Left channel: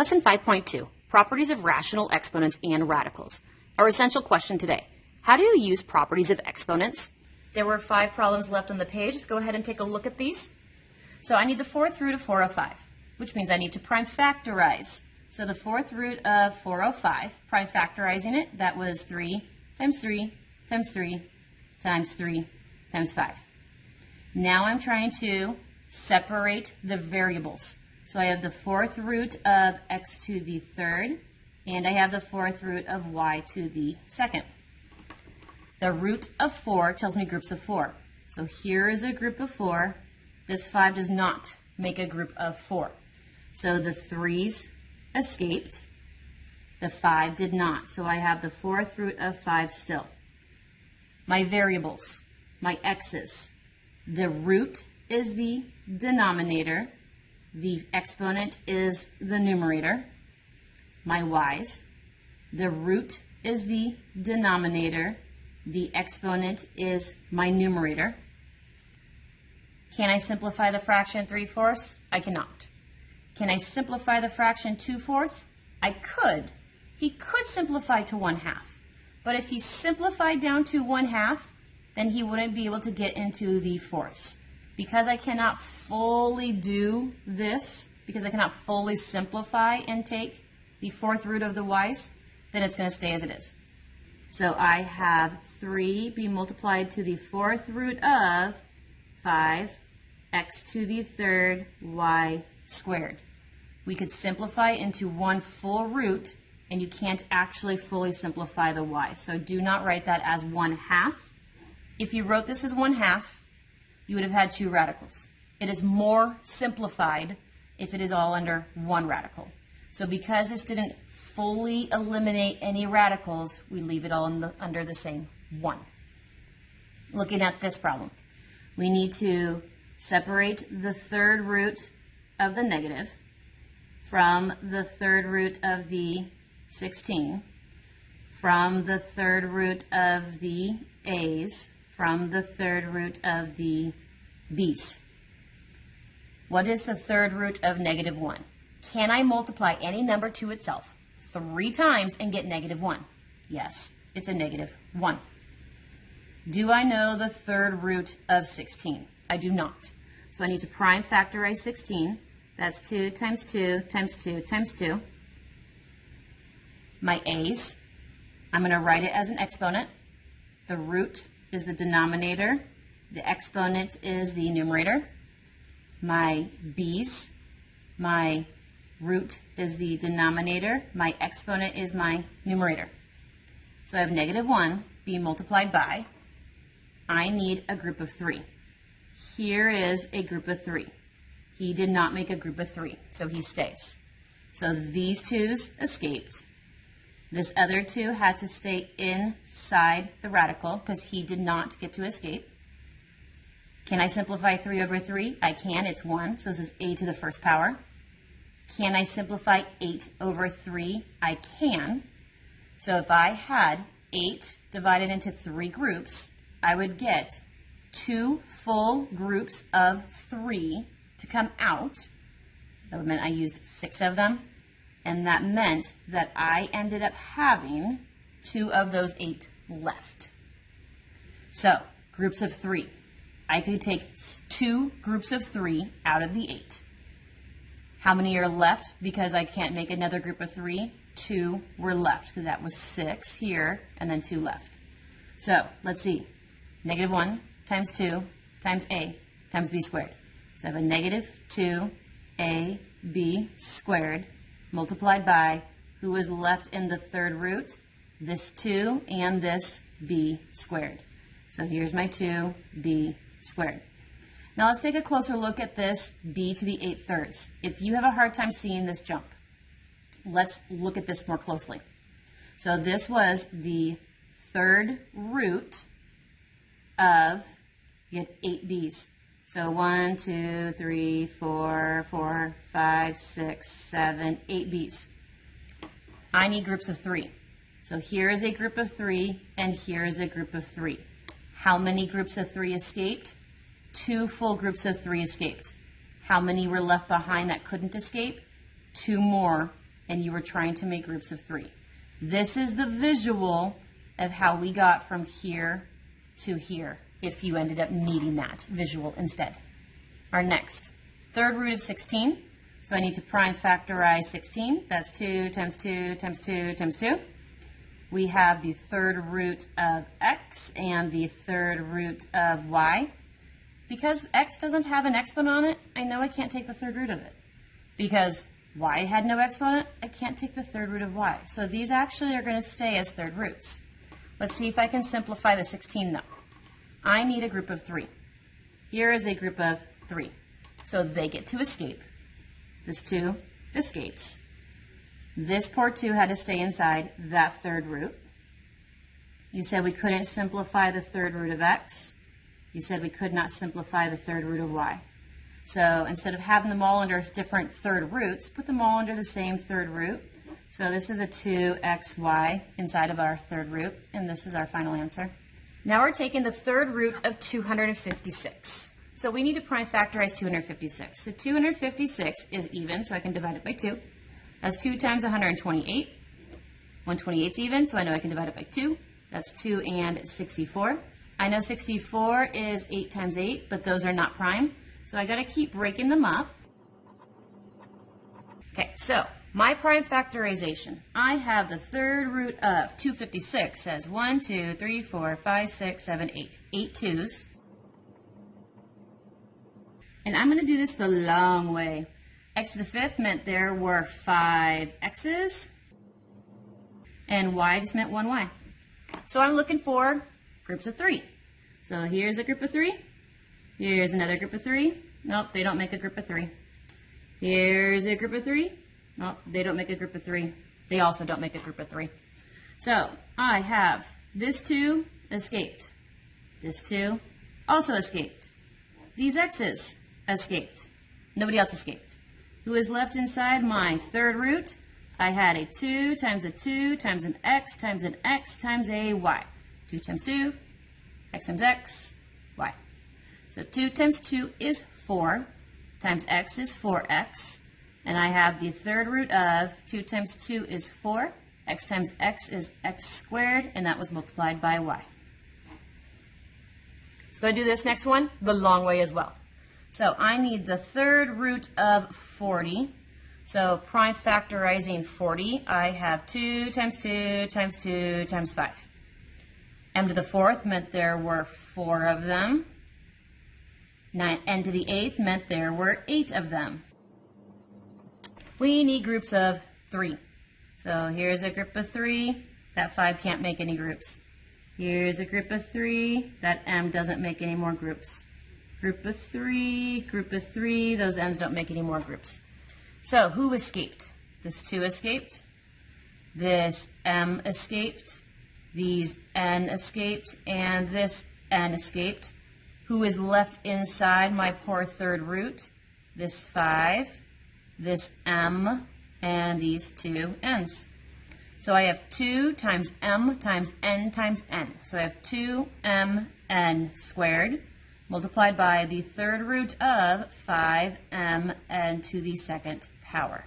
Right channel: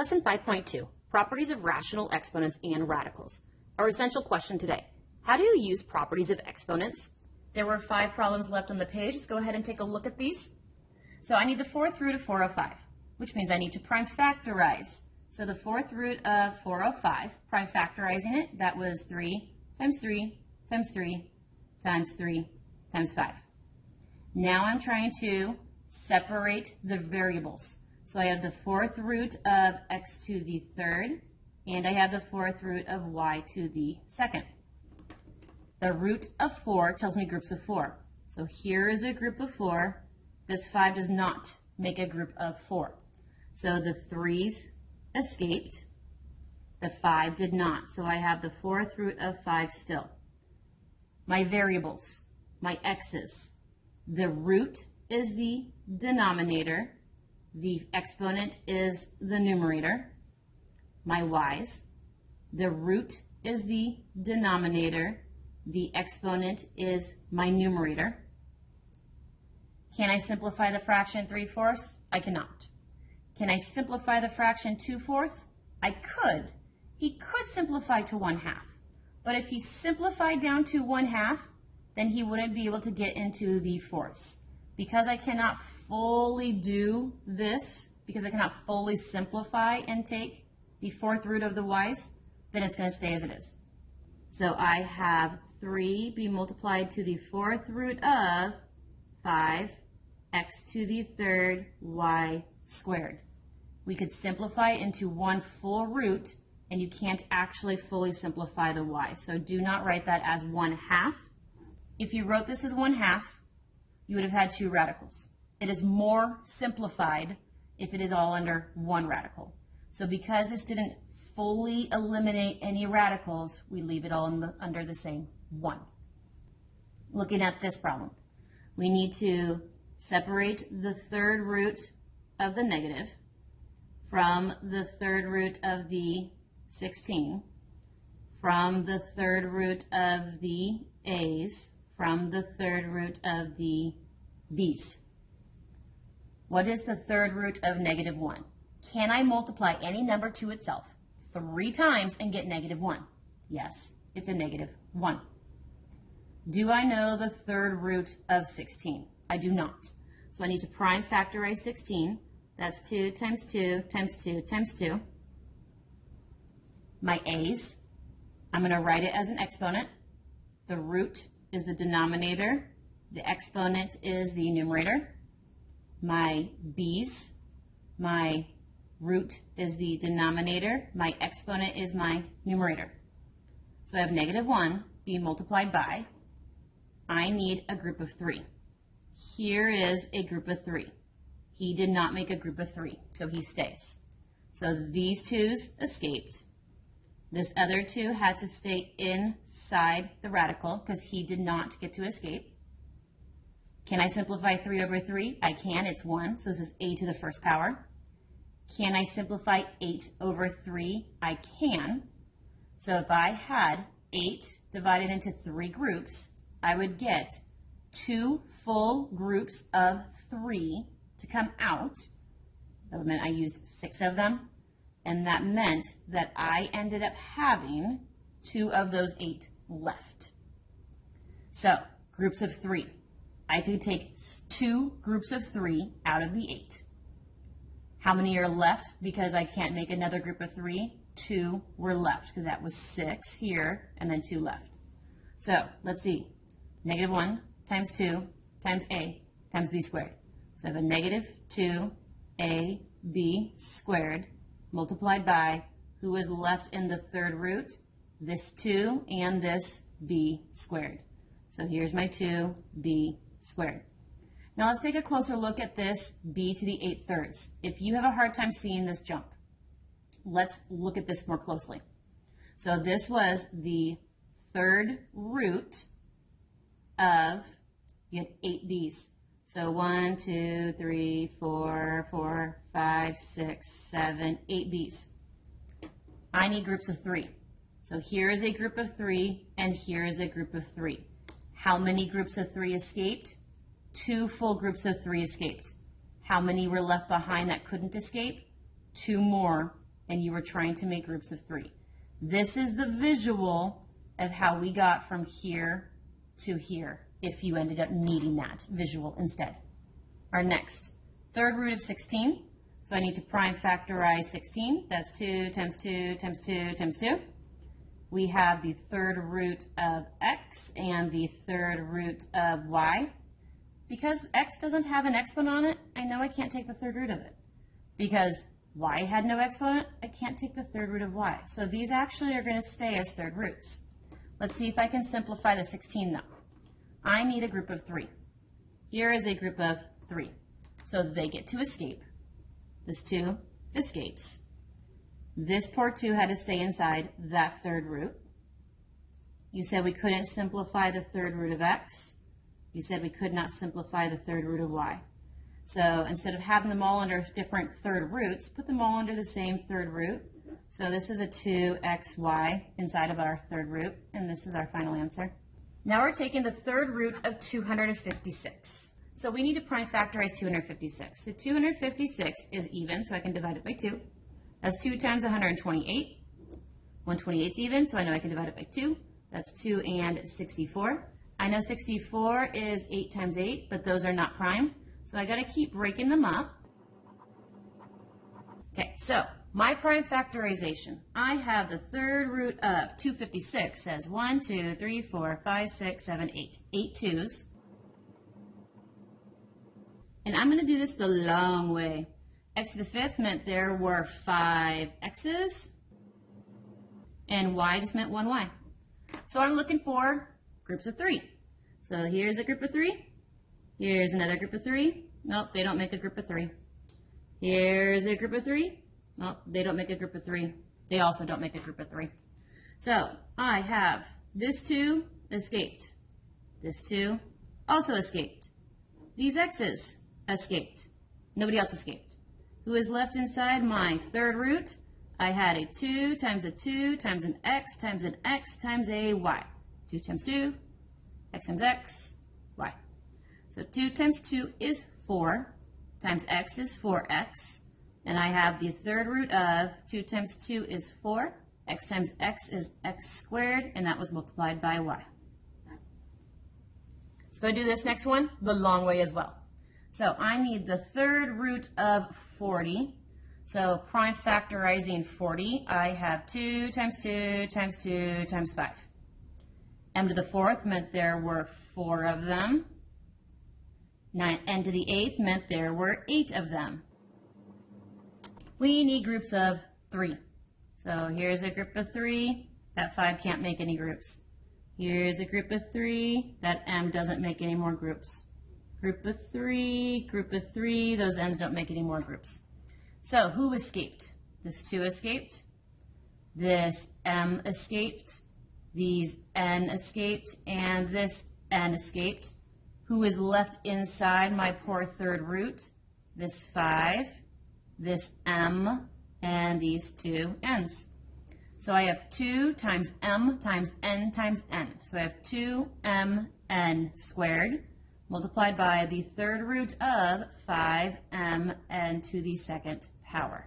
Lesson 5.2, Properties of Rational Exponents and Radicals. Our essential question today, how do you use properties of exponents? There were 5 problems left on the page. Let's go ahead and take a look at these. So I need the 4th root of 405, which means I need to prime factorize. So the 4th root of 405, prime factorizing it, that was 3 times 3 times 3 times 3 times 5. Now I'm trying to separate the variables. So I have the 4th root of x to the 3rd, and I have the 4th root of y to the 2nd. The root of 4 tells me groups of 4. So here is a group of 4. This 5 does not make a group of 4. So the 3's escaped. The 5 did not. So I have the 4th root of 5 still. My variables, my x's. The root is the denominator. The exponent is the numerator. My y's. The root is the denominator. The exponent is my numerator. Can I simplify the fraction 3/4? I cannot. Can I simplify the fraction 2/4? I could. He could simplify to 1/2. But if he simplified down to 1/2, then he wouldn't be able to get into the fourths. Because I cannot fully do this, because I cannot fully simplify and take the 4th root of the y's, then it's going to stay as it is. So I have 3 be multiplied to the 4th root of 5x to the 3rd y squared. We could simplify into one full root, and you can't actually fully simplify the y. So do not write that as 1/2. If you wrote this as 1/2, you would have had 2 radicals. It is more simplified if it is all under 1 radical. So because this didn't fully eliminate any radicals, we leave it all under the same 1. Looking at this problem, we need to separate the 3rd root of the negative from the 3rd root of the 16, from the 3rd root of the a's, from the 3rd root of the b's. What is the 3rd root of -1? Can I multiply any number to itself 3 times and get -1? Yes, it's a -1. Do I know the 3rd root of 16? I do not. So I need to prime factorize 16. That's 2 times 2 times 2 times 2. My a's, I'm going to write it as an exponent. The root is the denominator. The exponent is the numerator. My b's, my root is the denominator. My exponent is my numerator. So I have -1 being multiplied by, I need a group of 3. Here is a group of 3. He did not make a group of 3, so he stays. So these 2's escaped. This other 2 had to stay inside the radical because he did not get to escape. Can I simplify 3 over 3? I can. It's 1, so this is a to the 1st power. Can I simplify 8 over 3? I can. So if I had 8 divided into 3 groups, I would get 2 full groups of 3 to come out. That meant I used 6 of them. And that meant that I ended up having 2 of those 8 left. So, groups of 3. I could take 2 groups of 3 out of the 8. How many are left? Because I can't make another group of 3, 2 were left, because that was 6 here, and then 2 left. So, let's see. -1 times 2 times a times b squared. So I have a -2ab squared multiplied by, who was left in the 3rd root? This 2 and this b squared. So here's my 2b squared. Now let's take a closer look at this b to the 8/3. If you have a hard time seeing this jump, let's look at this more closely. So this was the 3rd root of, you had 8 b's. So 1, 2, 3, 4, 5, 6, 7, 8 b's. I need groups of 3. So here is a group of 3, and here is a group of 3. How many groups of 3 escaped? 2 full groups of 3 escaped. How many were left behind that couldn't escape? 2 more and you were trying to make groups of 3. This is the visual of how we got from here to here, if you ended up needing that visual instead. Our next, third root of 16. So I need to prime factorize 16. That's 2 times 2 times 2 times 2. We have the third root of x and the third root of y. Because x doesn't have an exponent on it, I know I can't take the third root of it. Because y had no exponent, I can't take the third root of y. So these actually are going to stay as third roots. Let's see if I can simplify the 16 though. I need a group of 3. Here is a group of 3. So they get to escape. This 2 escapes. This poor 2 had to stay inside that third root. You said we couldn't simplify the third root of x. You said we could not simplify the third root of y. So instead of having them all under different third roots, put them all under the same third root. So this is a 2xy inside of our third root, and this is our final answer. Now we're taking the third root of 256. So we need to prime factorize 256. So 256 is even, so I can divide it by 2. That's 2 times 128. 128 is even, so I know I can divide it by 2. That's 2 and 64. I know 64 is 8 times 8, but those are not prime. So I got to keep breaking them up. Okay, so my prime factorization. I have the third root of 256 as 1, 2, 3, 4, 5, 6, 7, 8. 8 2's. And I'm going to do this the long way. X to the 5th meant there were 5 x's, and y just meant 1 y. So I'm looking for groups of 3. So here's a group of 3. Here's another group of 3. Nope, they don't make a group of 3. Here's a group of 3. Nope, they don't make a group of 3. They also don't make a group of 3. So I have this 2 escaped. This 2 also escaped. These x's escaped. Nobody else escaped. Who is left inside my third root? I had a 2 times a 2 times an x times a y. 2 times 2, x times x, y. So 2 times 2 is 4, times x is 4x, and I have the third root of 2 times 2 is 4, x times x is x squared, and that was multiplied by y. Let's go do this next one the long way as well. So I need the third root of 40. So prime factorizing 40, I have 2 times 2 times 2 times 5. M to the 4th meant there were 4 of them. N to the 8th meant there were 8 of them. We need groups of 3. So here's a group of 3. That 5 can't make any groups. Here's a group of 3. That M doesn't make any more groups. Group of 3, those N's don't make any more groups. So who escaped? This 2 escaped. This M escaped. These N escaped. And this N escaped. Who is left inside my poor third root? This 5, this M, and these 2 N's. So I have 2 times M times N times N. So I have 2mn squared multiplied by the third root of 5mn to the second power.